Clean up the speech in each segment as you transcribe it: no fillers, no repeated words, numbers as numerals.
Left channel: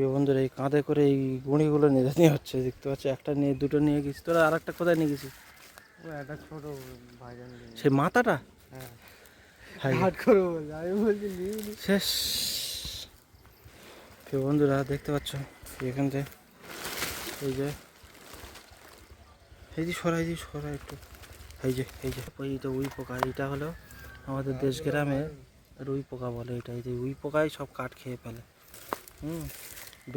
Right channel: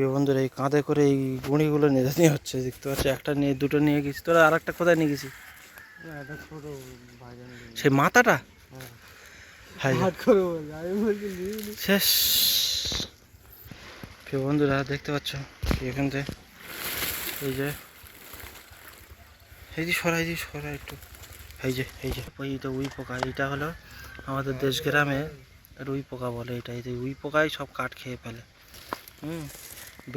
এই বন্ধুরা এই কাঁধে করে এই গুঁড়িগুলো নিয়ে হচ্ছে, দেখতে পাচ্ছি। একটা নিয়ে দুটো নিয়ে গেছি। তোরা আর একটা কোথায় নিয়ে গেছিস? একটা ছোট ভাইজান সেই মাথাটা হাত করে বলছে, আমি বলছি শেষ। প্রিয় বন্ধুরা দেখতে পাচ্ছ এখান থেকে এই যে সরা একটু। এই যে এইটা উই পোকা। এইটা হলো আমাদের দেশ গ্রামে রুই পোকা বলে। এই যে উই পোকাই সব কাঠ খেয়ে ফেলে।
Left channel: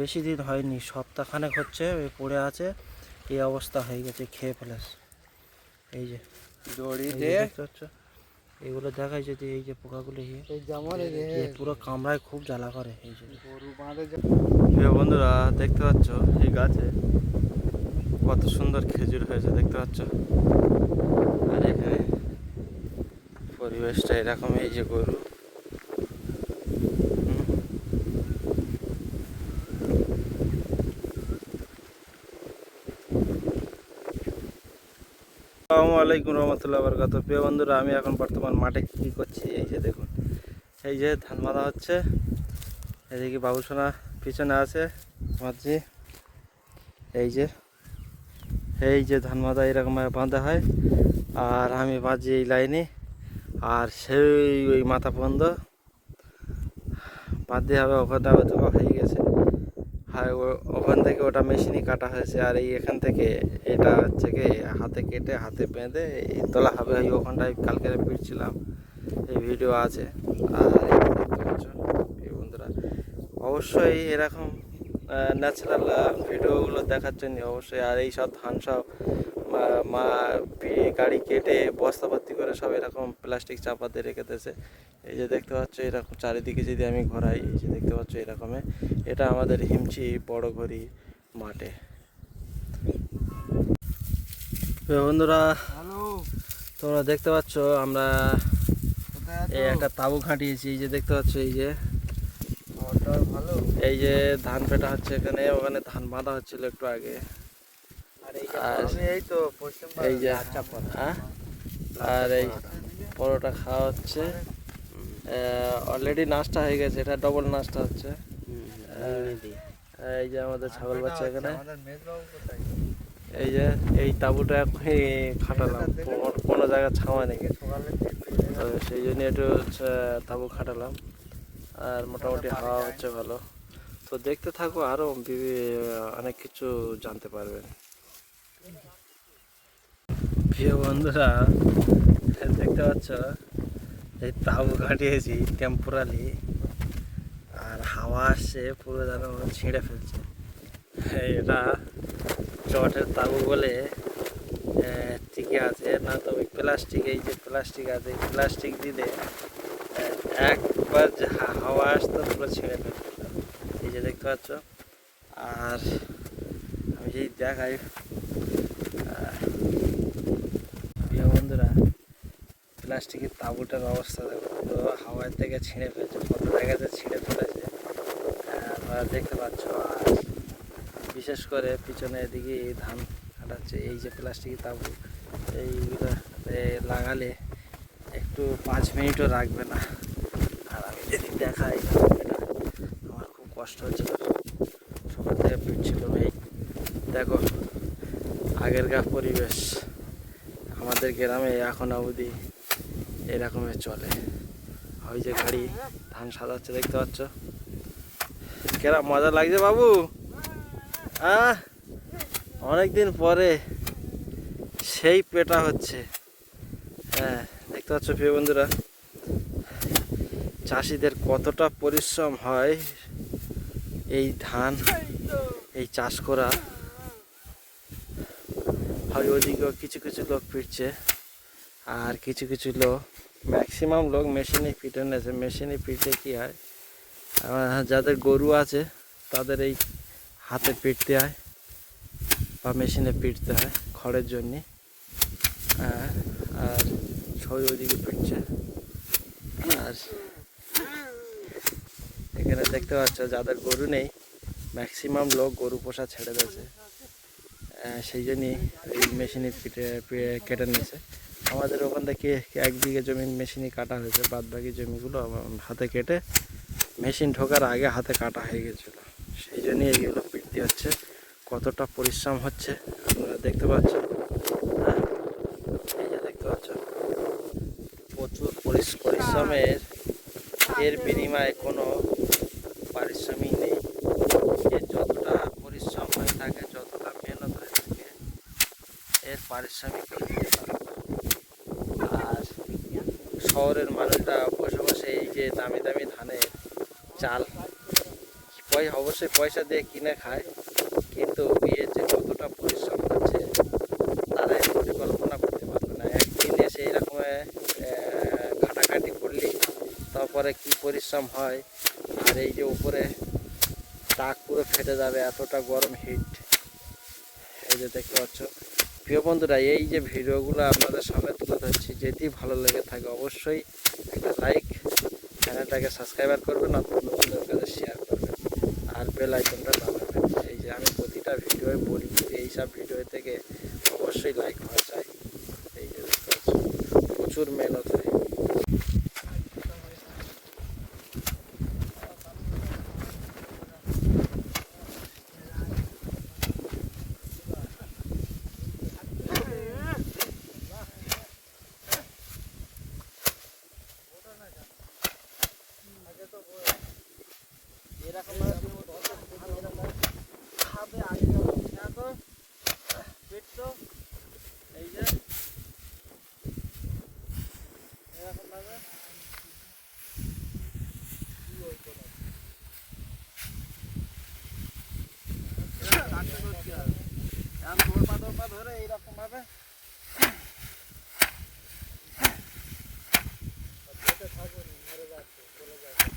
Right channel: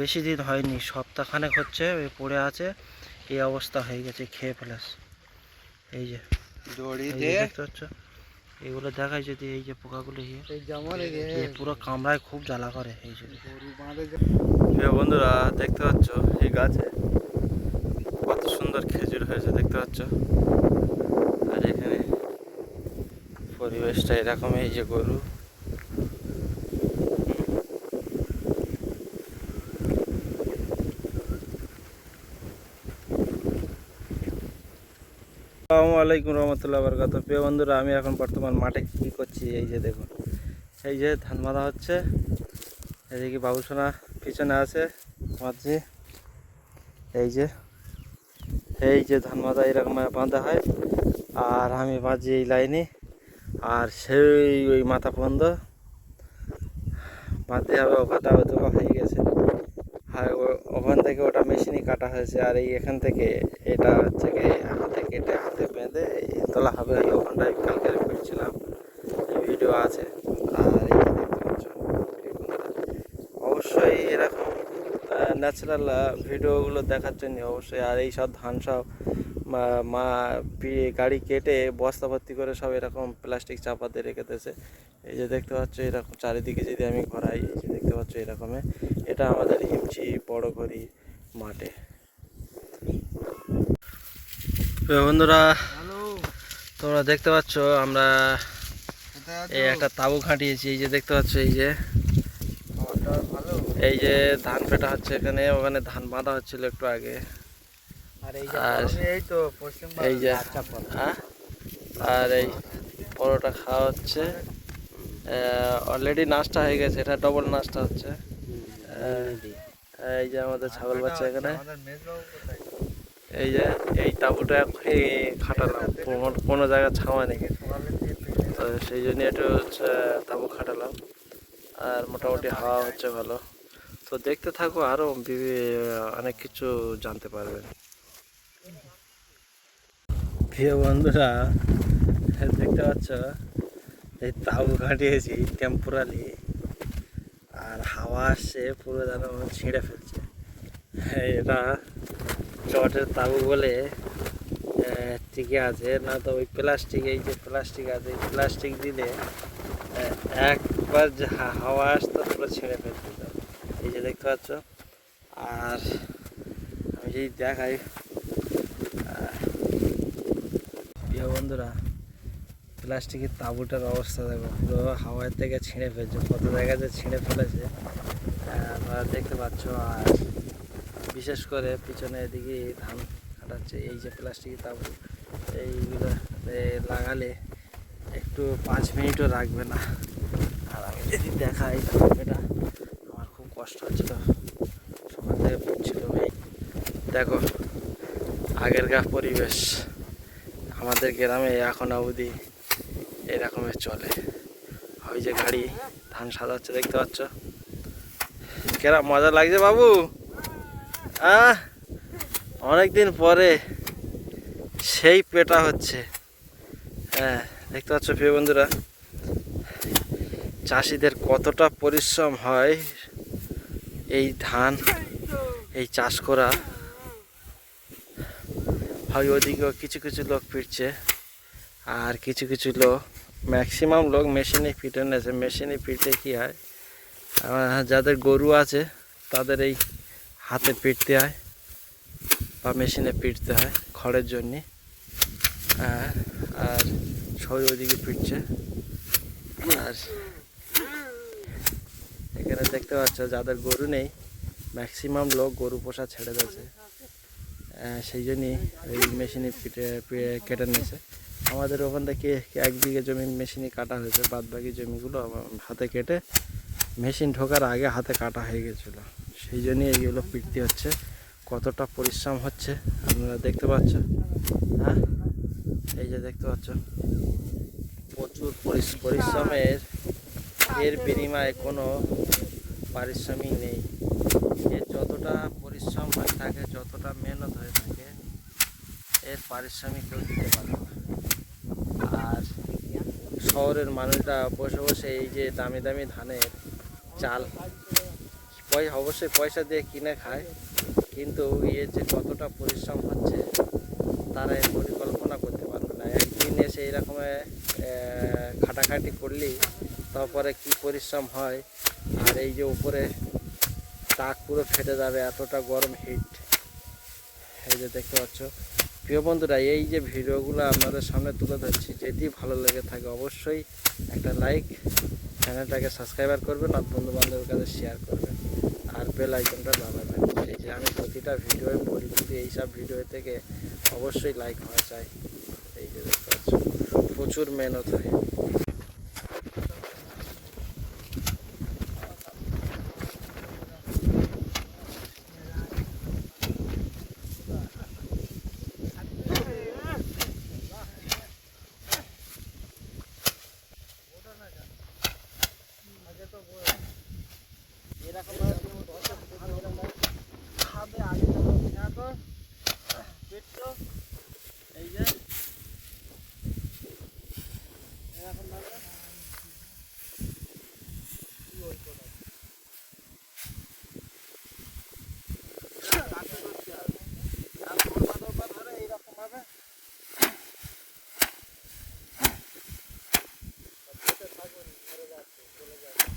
বেশি দিন হয়নি, সপ্তাহখানেক হচ্ছে পড়ে আছে, এই অবস্থা হয়ে গেছে, খেয়ে ফেলেছে। এই যে দেখতে পাচ্ছ, এগুলো দেখায় যদি এই যে পোকাগুলো পুরো কামড়ায়, খুব জ্বালা করে। এই যে বন্ধুরা দেখতে পাচ্ছ এই গাছে কত সুন্দর খেজুর হয়েছে, দেখতে পাচ্ছ। আর এখানে পরিবেশটা এরকম। এই যে গরু, আসসালামু আলাইকুম রহমতুল্লাহ বরকাত। প্রিয় বন্ধুরা, আমি এখন বর্তমান মাঠে কী করছি, এই যে দেখুন, এই যে ধান বাঁধা হচ্ছে। এদিকে বাবুসোনা পিছনে আছে মাঝি। এই যে ধান বাঁধা এরকম বাঁধা হয়, আর আমি বাঁধি এই লাইনে। আর সেই ওই মাথা পর্যন্ত বাঁধতে হবে। ওখানটা হয়তো হয়ে গেছে, ওখান থেকে ওটা মেশিনই কাটা হয়েছে। আর এই এখান থেকে এটা হচ্ছে কি হাতে কেটে হাতে বেঁধে এই তোলা হবে। ওখানটায় কালকে ফিরছিলাম, এই ভিডিও আছে। আর এই যে দেখতে পাচ্ছ অবশ্যই এরকম ন্যাচারাল ভিডিওগুলো দেখার জন্য অবশ্যই। আর এই সব ধান সব গাড়ি কেটে বস্তা ভর্তি করে সব এরকম প্লাস্টিক চাপাতে রেখে দিয়েছে। এই যে দেখতে পাচ্ছ এরকম চারিদিকে যদি আমি ঘোরাই, এই যে দেখতে পাচ্ছ এরকমে। এটা আমাদের হিমচি বড় ঘড়ি মাঠে। বন্ধুরা তোমরা দেখতে পাচ্ছ আমরা এই একটা তাঁবু খাটিয়েছি। এই যে দেখতে পাচ্ছ এই যে ধান পেটা হচ্ছে এখানে, ওখানে ধান বাঁধা হচ্ছিল একটু আগে। আর এই যে আর এই পরোটা খাওয়া হচ্ছে। অলরেডি নাস্তা হয়ে গেছে, এটা ডবল নাস্তা হচ্ছে। এই যে আমাদের ছাগল বাচ্চা এখানে। এই যে এই তাঁবুটা এখনই খাটালাম, কোনো জায়গায় ছাওয়া নেই, তো সেই জন্য একটু তাঁবু খাটালাম। আর মোটামুটি হাওয়া হচ্ছে ভালো। তো দেখতে থাকো, আরও অনেক কিছু জানতে পারবেন। প্রিয় বন্ধুরা দেখতে পাচ্ছ এই তাঁবু খাটিয়েছি টেম্পোরারি, আর হাওয়া আসছে পুরো যেন ছিঁড়ে ফেলছে। এটা চটের তাঁবু বলে টিকে আছে না, তো ওই প্লাস্টিক, এই যে প্লাস্টিক আছে, এই প্লাস্টিক দিলে একবার যে হাওয়া আসতো পুরো ছিঁড়ে ফেলতো। এই যে দেখতে পাচ্ছ। আর আমি যদি দেখাই প্রিয় বন্ধুরা, প্লাস্টিকের তাঁবুটার অবস্থা দেখো, পুরো হাওয়ার থেকে ছিঁড়ে ফেলছে, কত জায়গাতে ছিঁড়ে ফেলেছে আপনারা দেখতে পাচ্ছ। আর বিশেষ করে পিছনে এদিকে ধান কাটাচ্ছে। এই যে প্লাস্টিকের তাঁবু, এইগুলো লাগালে একটু 5 মিনিটও রাখবে না। আর আমি যদি দেখাই, এটা আমার খুব কষ্ট হচ্ছিল, সকাল থেকে ফিরছিল। এই দেখো আগেরকার পরিবেশ, আমাদের গ্রামে এখন অবধি এরকমের চলে। ওই যে গাড়ি ধান সাজাচ্ছে, দেখতে পাচ্ছ কেরম মজা লাগছে বাবু। অনেকদিন পরে সেই পেটা হচ্ছে। হ্যাঁ দেখতে পাচ্ছ প্রিয় বন্ধুরা, চাষিদের কতটা পরিশ্রম হয় এই ধান এই চাষ করা হয়। ওদিকেও কিছু কিছু লোক ফিরছে, আর কিছু কিছু লোক, ম্যাক্সিমাম লোক মেশিনে ফিটে নিয়েছে। মেশিনে ফিটে কী হয়, যাদের গরু আছে তাদের এই হাতে পিটতে হয় বা মেশিনে পিটতে হয় খড়ের জন্যে। আর সবাই ওইদিকে পিটছে। আর এখানে দেখতে পাচ্ছ যাদের গরু নেই, ম্যাক্সিমাম লোক গরু পোষা ছেড়ে দিয়েছে, সেই জন্যই এই মেশিনে কেটে নিয়েছে। আমাদের ওখান থেকে 1 বিঘে জমি মেশিনে কাটা হয়েছে, বাদ বাকি জমিগুলো হাতে কেটে মেশিন ঢোকার আগে হাতে কাটা হয়ে গেছিলো। সেই জন্যই এইগুলো পিটতে হচ্ছে। কতটা পরিশ্রম হচ্ছে আপনারা দেখতে পাচ্ছেন। হ্যাঁ, এই যে দেখতে পাচ্ছ, প্রচুর পরিশ্রমের এর বিনিময়ে কোনো পারিশ্রমিক নেই। এর যতটা পরিশ্রম হয়ে থাকে, যতটা মেহনত হয়ে থাকে, এর পারিশ্রমিক কেউ দিতে পারে না। আর শহরের মানুষরা বসে বসে এই যে দামি দামি ধানের চাল অবশ্যই পয়সা দিয়ে কিনে খায়, কিন্তু এর যে কতটা পরিশ্রম হচ্ছে তারা এই পরিকল্পনা করতে পারবে না। একদিন এসে এরকম খাটাখাটি করলে তারপরে কি পরিশ্রম হয়। আর এই যে উপরে তাক পুরো ফেটে যাবে, এতটা গরম হিট। এই যে দেখতে পাচ্ছ প্রিয় বন্ধুরা, এই যে ভিডিওগুলো আপনাদের সামনে তুলে ধরছি, যদি ভালো লেগে থাকে অবশ্যই একটা লাইক, চ্যানেলটাকে সাবস্ক্রাইবার করবেন, আর বন্ধুবান্ধবের কাছে শেয়ার করবেন, আর বেল আইকনটা দাবাবেন। এই যে আমি প্রতিটা ভিডিওর পরিস্থিতি এইসব ভিডিও থেকে অবশ্যই লাইক হওয়া চাই। এই যে দেখতে পাচ্ছ প্রচুর মেহনত হয়। এরকম খাবে আগে তো পেটটো এই যে এরকম ভাবে কি ওই কথা ধরে এইরকম ভাবে মরে যাচ্ছে, চলে যাচ্ছে।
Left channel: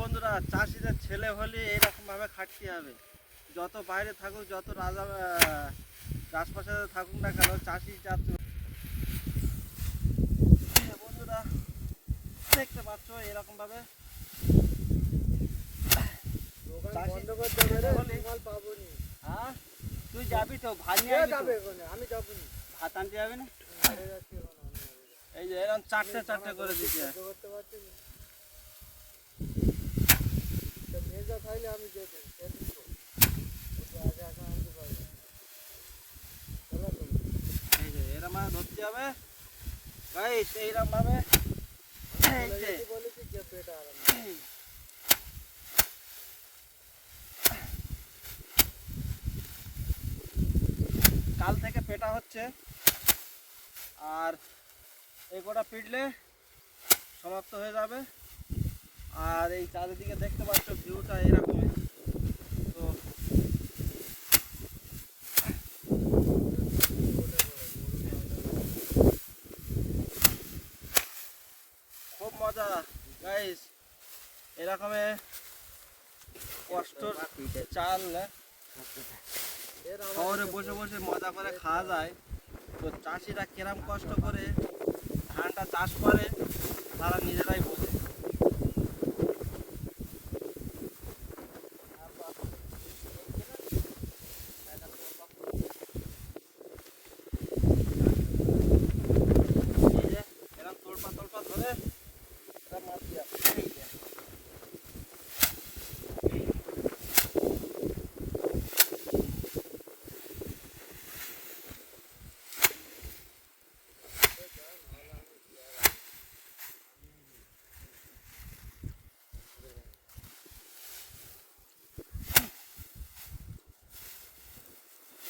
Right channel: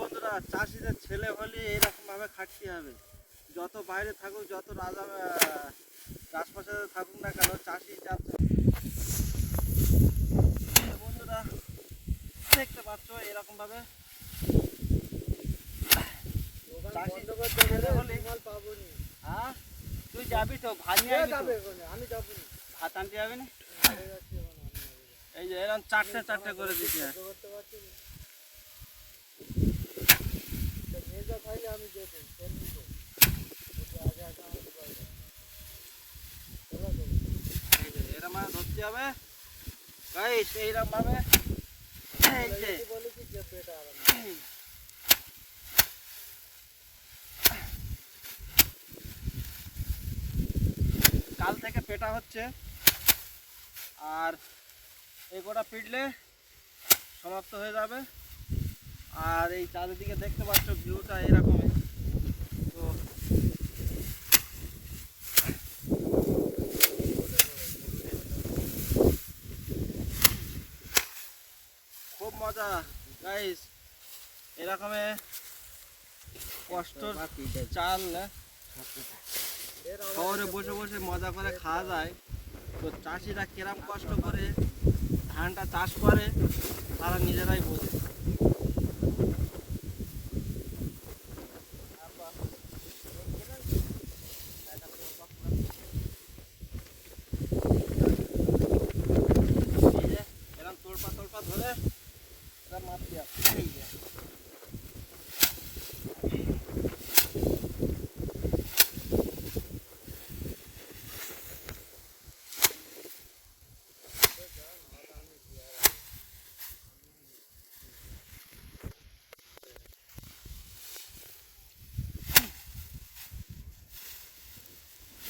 বন্ধুরা, চাষিদের ছেলে হলে এইরকম ভাবে খাটতে হবে। যত বাইরে থাকুক, যত রাজপ্রাসাদে থাকুক না কেন, চাষি যাচ্ছে। বন্ধুরা দেখতে পাচ্ছ এরকম ভাবে হ্যাঁ, তুই যাবি তো ভাত নিয়ে যাবে, আমি যাবো না, ভাত আনতে যাবি না। এই যে এরকম চারটে চারটে করে দিচ্ছে। আমি এরকম ধরতে হবে গাইস, এইরকম ভাবে কাল থেকে পেটা হচ্ছে, আর এই গোটা পিটলে সমাপ্ত হয়ে যাবে। আর এই চারিদিকে দেখতে পাচ্ছ ভিউটা এরকমই। তো খুব মজা গাইস, এরকমে কষ্টর চাল শহরে বসে বসে মজা করে খাওয়া যায়। তো চাষিরা কিরম কষ্ট করে ধানটা চাষ করে তারা নিজেরাই বোঝে। এরকম তোলপা তোলপা ধরে মাছ দিয়া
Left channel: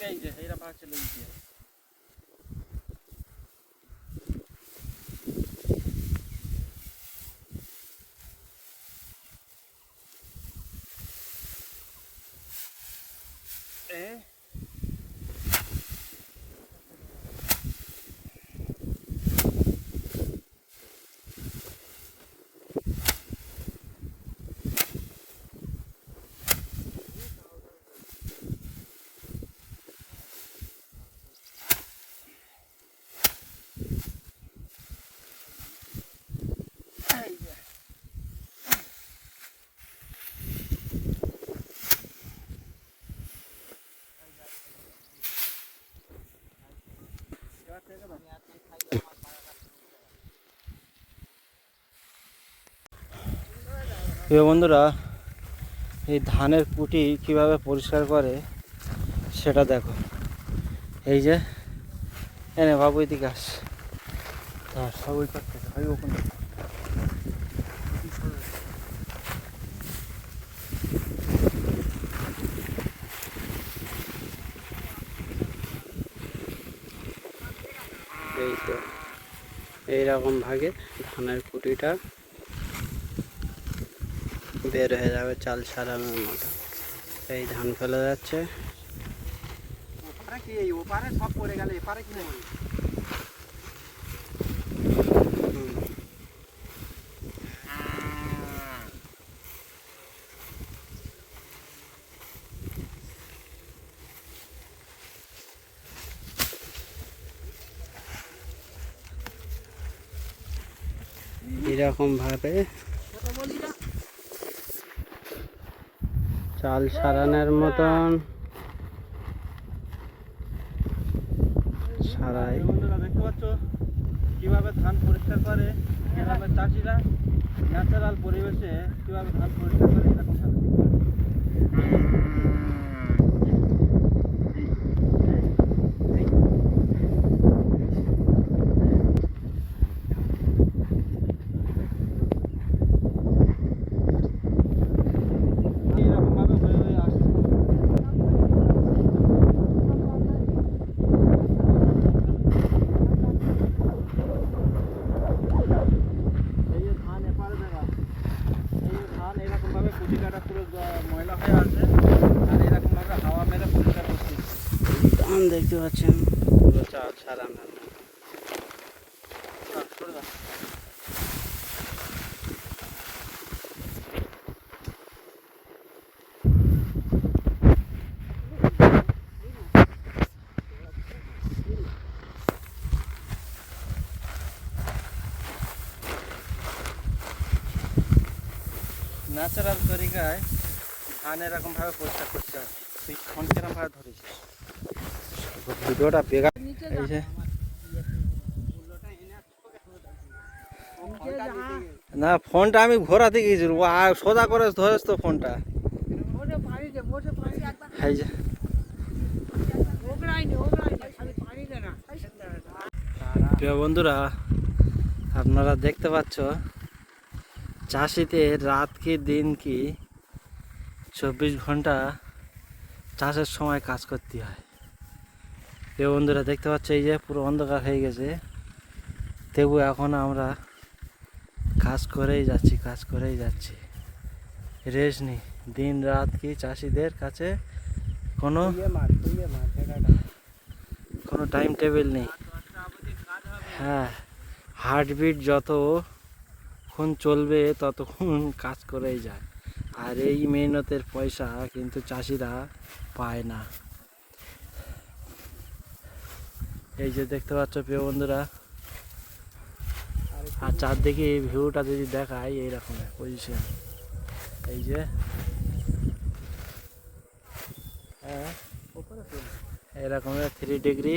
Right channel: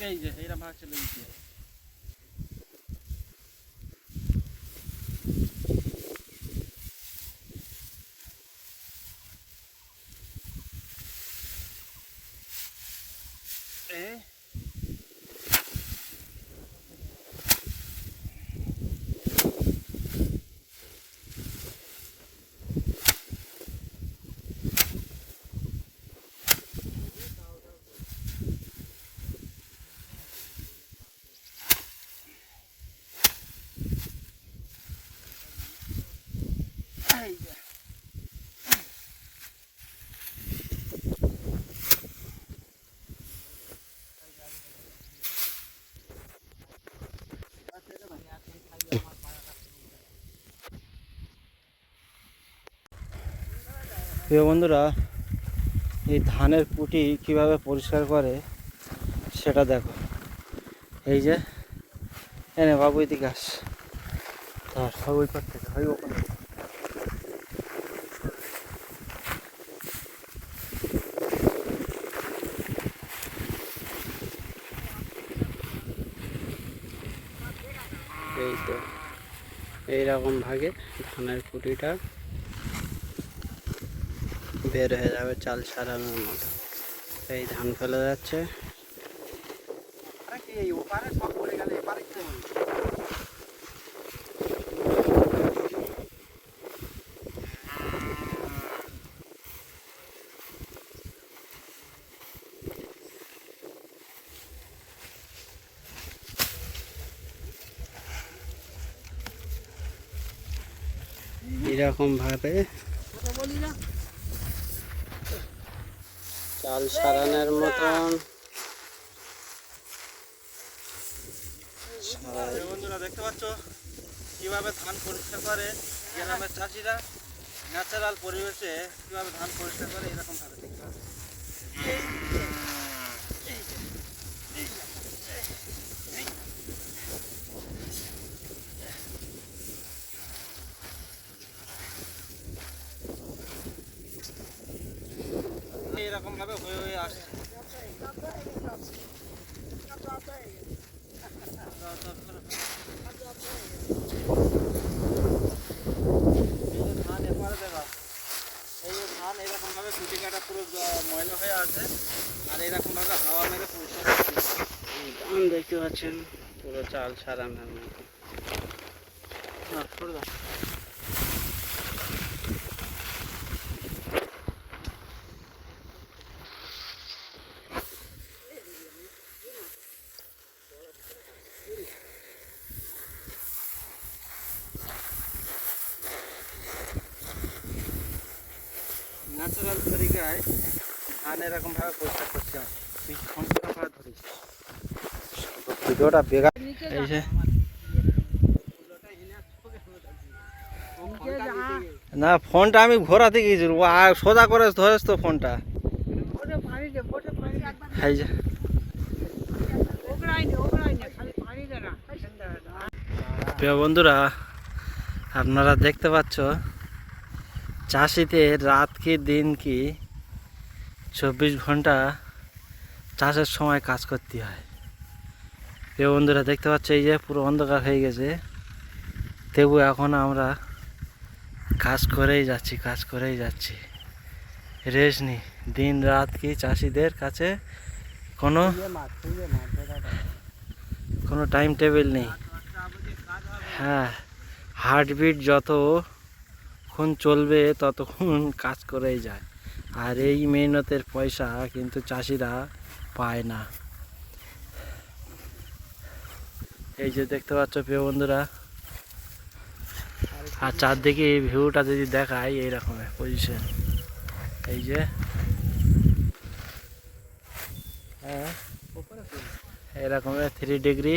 এই যে এইরা ভাগ চলে গিয়ে প্রিয় বন্ধুরা, এই ধানের কুটি কিভাবে পরিষ্কার করে সেটা দেখো। এই যে এনে বাবু এদিকে আস। এই তো এইরকম ভাগে ধানের কুটিটা বের হয়ে যাবে চাল ছাড়ানোর মতো। এই ধান ফেলে যাচ্ছে। এরকম ভাবে চাল সারানোর মতন সারাই। বন্ধুরা দেখতে পাচ্ছ কিভাবে ধান পরিষ্কার করে গ্রামের চাষিরা, ন্যাচারাল পরিবেশে কিভাবে ধান পরিষ্কার করে এরকম ভাবে। এরকম ভাবে হয়ে হয়ে আসছে। কুটি কাটা পুরো ময়লা হয়ে আছে, আর এরকম ভাবে হাওয়া মেরে পরিষ্কার করছে। ধান দেখতে পাচ্ছেন পুরো চাল সারানোর মতো। ন্যাচারাল তরিকায় ধান এরকম ভাবে পরিষ্কার করতে হয়। ভিডিওটা বেগার। এই যে না, ফোনটা আমি ঘোরাতে গিয়েছিলাম, ও আর সোজা করে ধরেছ তো ফোনটা। এই যে প্রিয় বন্ধুরা, আপনারা দেখতে পাচ্ছ চাষিতে রাত কি দিন কি 24 ঘন্টা চাষের সময় কাজ করতে হয়। প্রিয় বন্ধুরা দেখতে পাচ্ছ এই যে পুরো অন্ধকার হয়ে গেছে, তবু এখন আমরা কাজ করেই যাচ্ছি, রেস্ট নেই। দিন রাত কি চাষিদের কাছে কোনো টাইম টেবিল নেই। হ্যাঁ, হার্টবিট যতক্ষণ চলবে ততক্ষণ কাজ করেই যায়, আর এই মেহনতের পয়সা কিন্তু চাষিরা পায় না। এই যে দেখতে পাচ্ছ প্রিয় বন্ধুরা, আর চারদিকে এই ভিউটা যদি দেখায় এইরকমের পজিশন। এই যে এরকমের 3 ডিগ্রি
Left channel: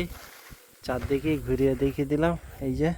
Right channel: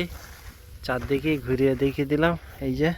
চারদিকে ঘুরিয়ে দেখিয়ে দিলাম। এই যে